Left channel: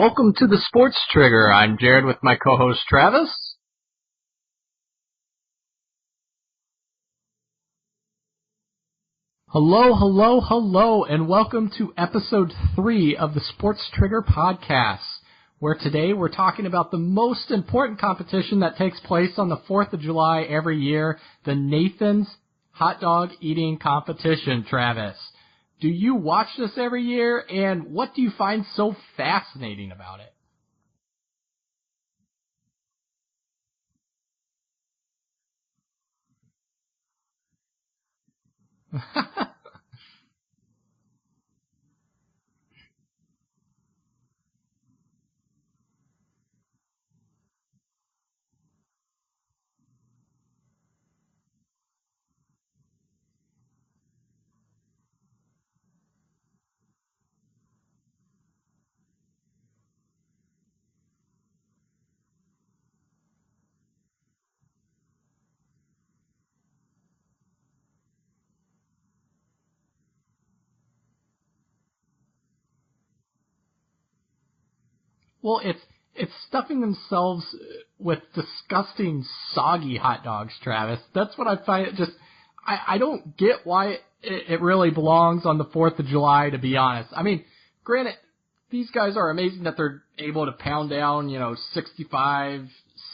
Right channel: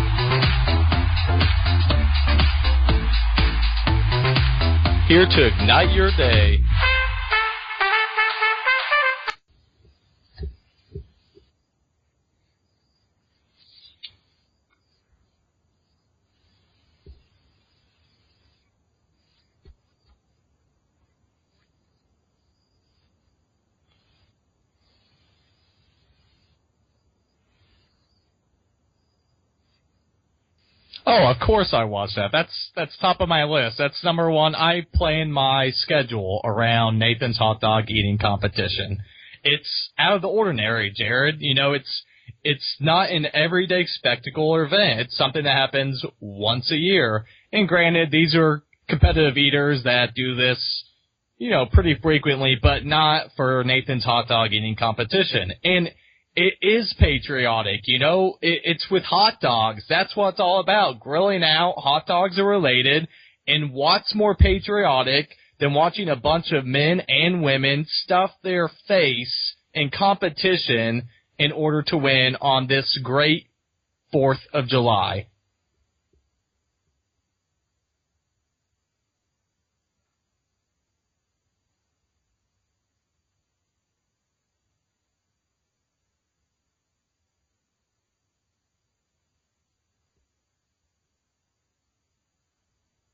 Welcome to the Sports Trigger. I'm Jared with my co-host Travis. Here to ignite your day. Hello, and welcome to episode 3 of the Sports Trigger podcast, where today we're talking about the most important competition that takes place on the 4th of July every year, the Nathan's Hot Dog Eating Competition, Travis. Do you watch this every year, and what do you find so fascinating about it? Oh, of course I watch that. That's top of my list. That's number one. I plan my schedule around Nathan's Hot Dog Eating Competition. It's out of the ordinary, Jared. You know, it's not an everyday spectacle or event. It's something that happens once a year. And granted, these are competitive eaters that do this, you know, pretty frequently, but not for Nathan's Hot Dog Eating Competition. And it is patriotic, you know. It's with hot dogs. That's what it's all about. Grilling out, hot dogs are related. And what's more patriotic than watching a bunch of men and women stuff their face in competition in order to win on this great 4th of July? Well, it's stuffing themselves with disgusting, soggy hot dogs, Travis. That's what I find it just... I don't get why it really belongs on the 4th of July, to be honest. I mean, granted, these guys are amazing that they're able to pound down, 65,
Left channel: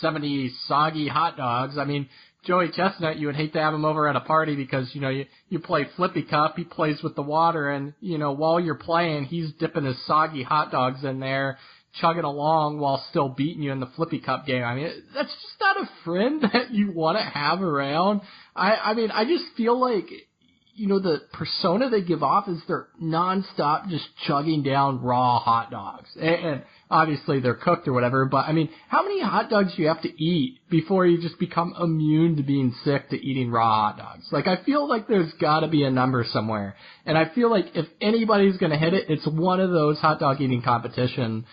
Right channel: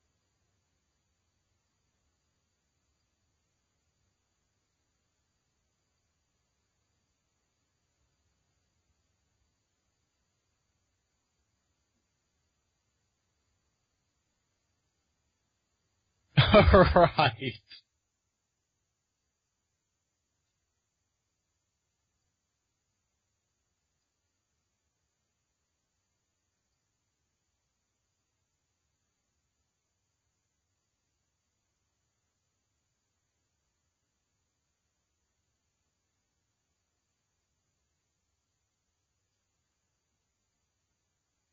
70 soggy hot dogs. I mean, Joey Chestnut, you would hate to have him over at a party because, you play Flippy Cup, he plays with the water, and, while you're playing, he's dipping his soggy hot dogs in there, chugging along while still beating you in the Flippy Cup game. I mean, that's just not a friend that you want to have around. I mean, I just feel like, the persona they give off is they're nonstop just chugging down raw hot dogs. And obviously they're cooked or whatever, but I mean, how many hot dogs do you have to eat before you just become immune to being sick to eating raw hot dogs? Like, I feel like there's gotta be a number somewhere. And I feel like if anybody's gonna hit it, it's one of those hot dog eating competition,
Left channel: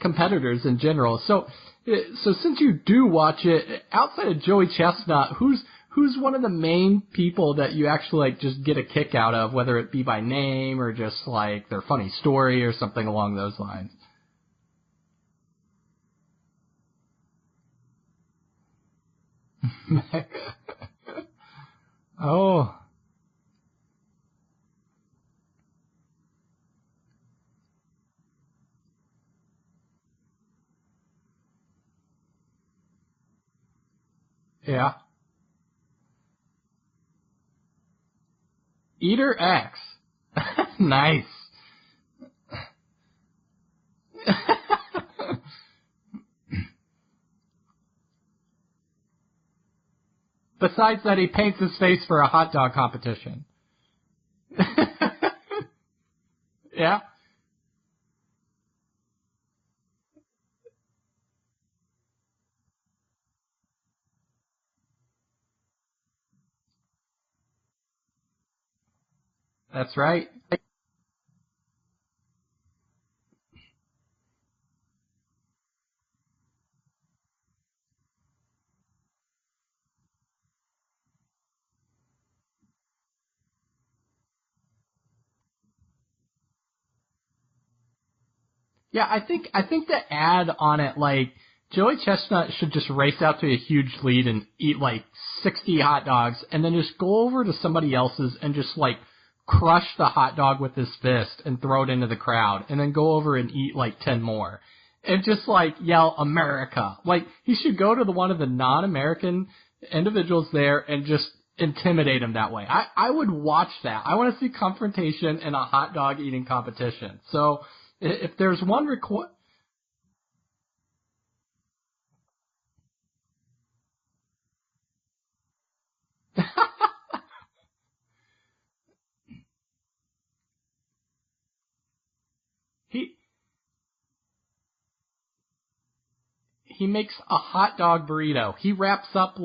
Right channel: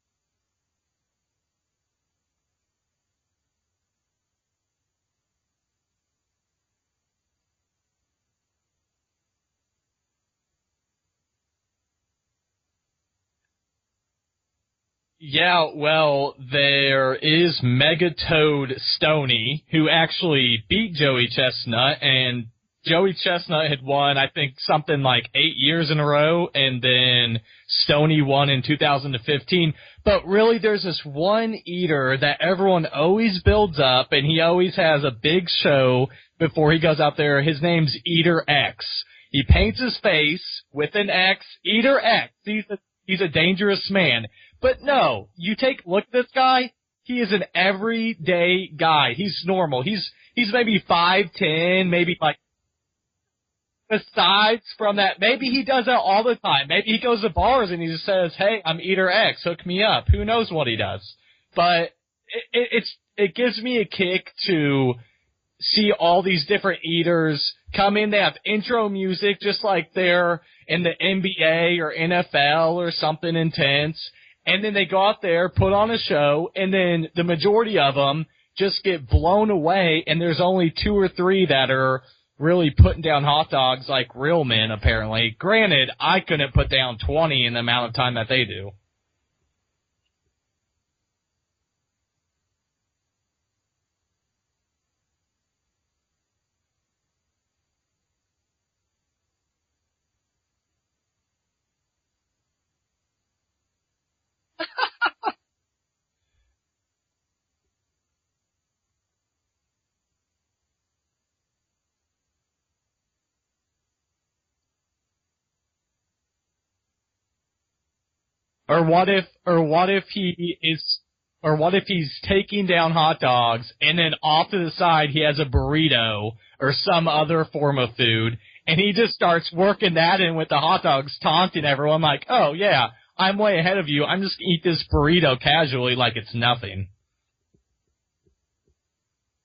competitors in general. So since you do watch it, outside of Joey Chestnut, who's one of the main people that you actually just get a kick out of, whether it be by name or just their funny story or something along those lines? Yeah, well, there is Megatoad Stoney, who actually beat Joey Chestnut, and Joey Chestnut had won, I think, something like 8 years in a row, and then Stoney won in 2015. But really, there's this one eater that everyone always builds up, and he always has a big show before he goes out there. His name's Eater X. He paints his face with an X. Eater X. He's a dangerous man. But no, you take a look at this guy. He is an everyday guy. He's normal. He's maybe 5'10", maybe for a hot dog competition. Besides from that, maybe he does that all the time. Maybe he goes to bars and he just says, "Hey, I'm Eater X, hook me up." Who knows what he does? But it gives me a kick to see all these different eaters come in. They have intro music just like they're in the NBA or NFL or something intense. And then they go out there, put on a show, and then the majority of them just get blown away, and there's only 2 or 3 that are really putting down hot dogs like real men, apparently. Granted, I couldn't put down 20 in the amount of time that they do. Yeah, I think the ad on it, Joey Chestnut should just race out to a huge lead and eat 60 hot dogs and then just go over to somebody else's and just crush the hot dog with his fist and throw it into the crowd and then go over and eat 10 more and just yell America. He should go to one of the non-American individuals there and just intimidate him that way. I would watch that. I want to see confrontation in a hot dog eating competition. So if there's one, or what if he's taking down hot dogs and then off to the side he has a burrito or some other form of food, and he just starts working that in with the hot dogs, taunting everyone like, "Oh yeah, I'm way ahead of you. I'm just gonna eat this burrito casually like it's nothing." He makes a hot dog burrito. He wraps up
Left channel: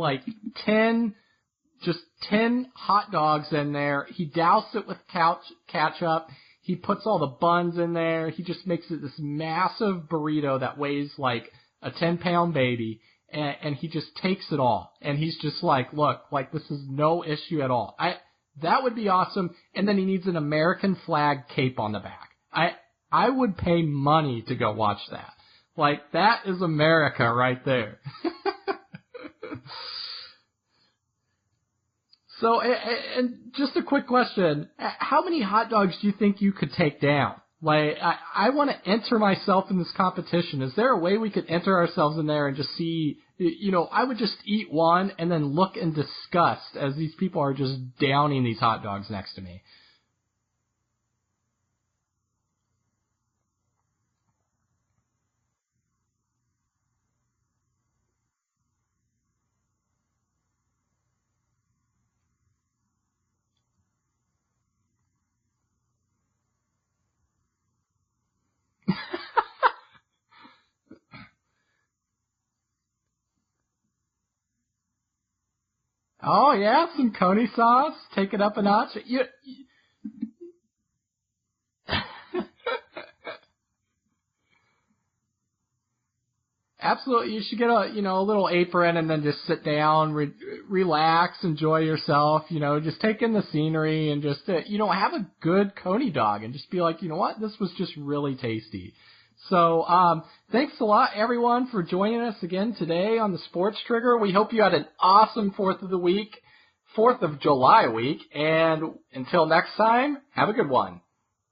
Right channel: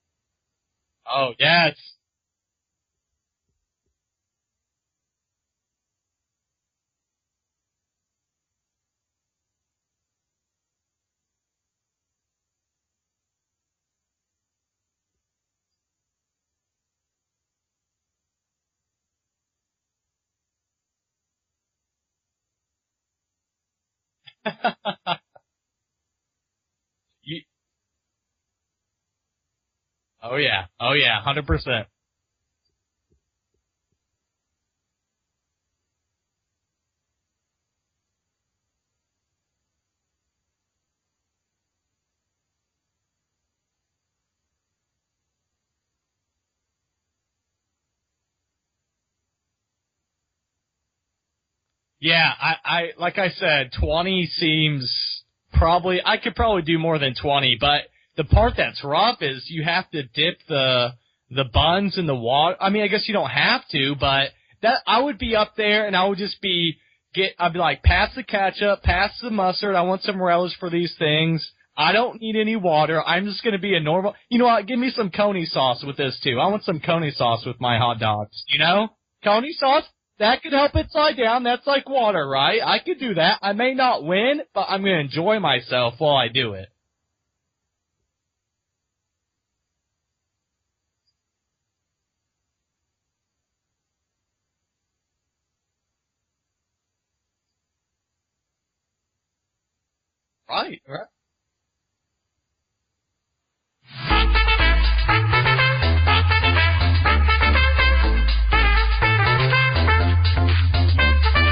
10. Oh yeah, just 10 hot dogs in there. He douses it with ketchup. He puts all the buns in there. He just makes it this massive burrito that weighs a 10-pound baby, and he just takes it all. And he's just look, this is no issue at all. That would be awesome. And then he needs an American flag cape on the back. I would pay money to go watch that. Like, that is America right there. Oh yeah, 100%. So, and just a quick question. How many hot dogs do you think you could take down? Like, I want to enter myself in this competition. Is there a way we could enter ourselves in there and just see, I would just eat one and then look in disgust as these people are just downing these hot dogs next to me. Yeah, I like I said, 20 seems I could probably do more than 20, but the part that's rough is you have to dip the buns in the water. I mean, I guess you don't have to, but that I would be up there and I would just I'd be like, pass the ketchup, pass the mustard, I want some relish for these things. I don't need any water. I'm just going to be a normal. You know what? Give me some Coney sauce with this, too. I want some Coney sauce with my hot dogs. Take it up a notch. Coney sauce, that could help it slide down. That's like water, right? I could do that. I may not win, but I'm going to enjoy myself while I do it. Absolutely. You should get a little apron and then just sit down, relax, enjoy yourself, just take in the scenery and just, have a good Coney dog and just be like, you know what? This was just really tasty. So, thanks a lot, everyone, for joining us again today on the Sports Trigger. We hope you had an awesome 4th of July week. And until next time, have a good one.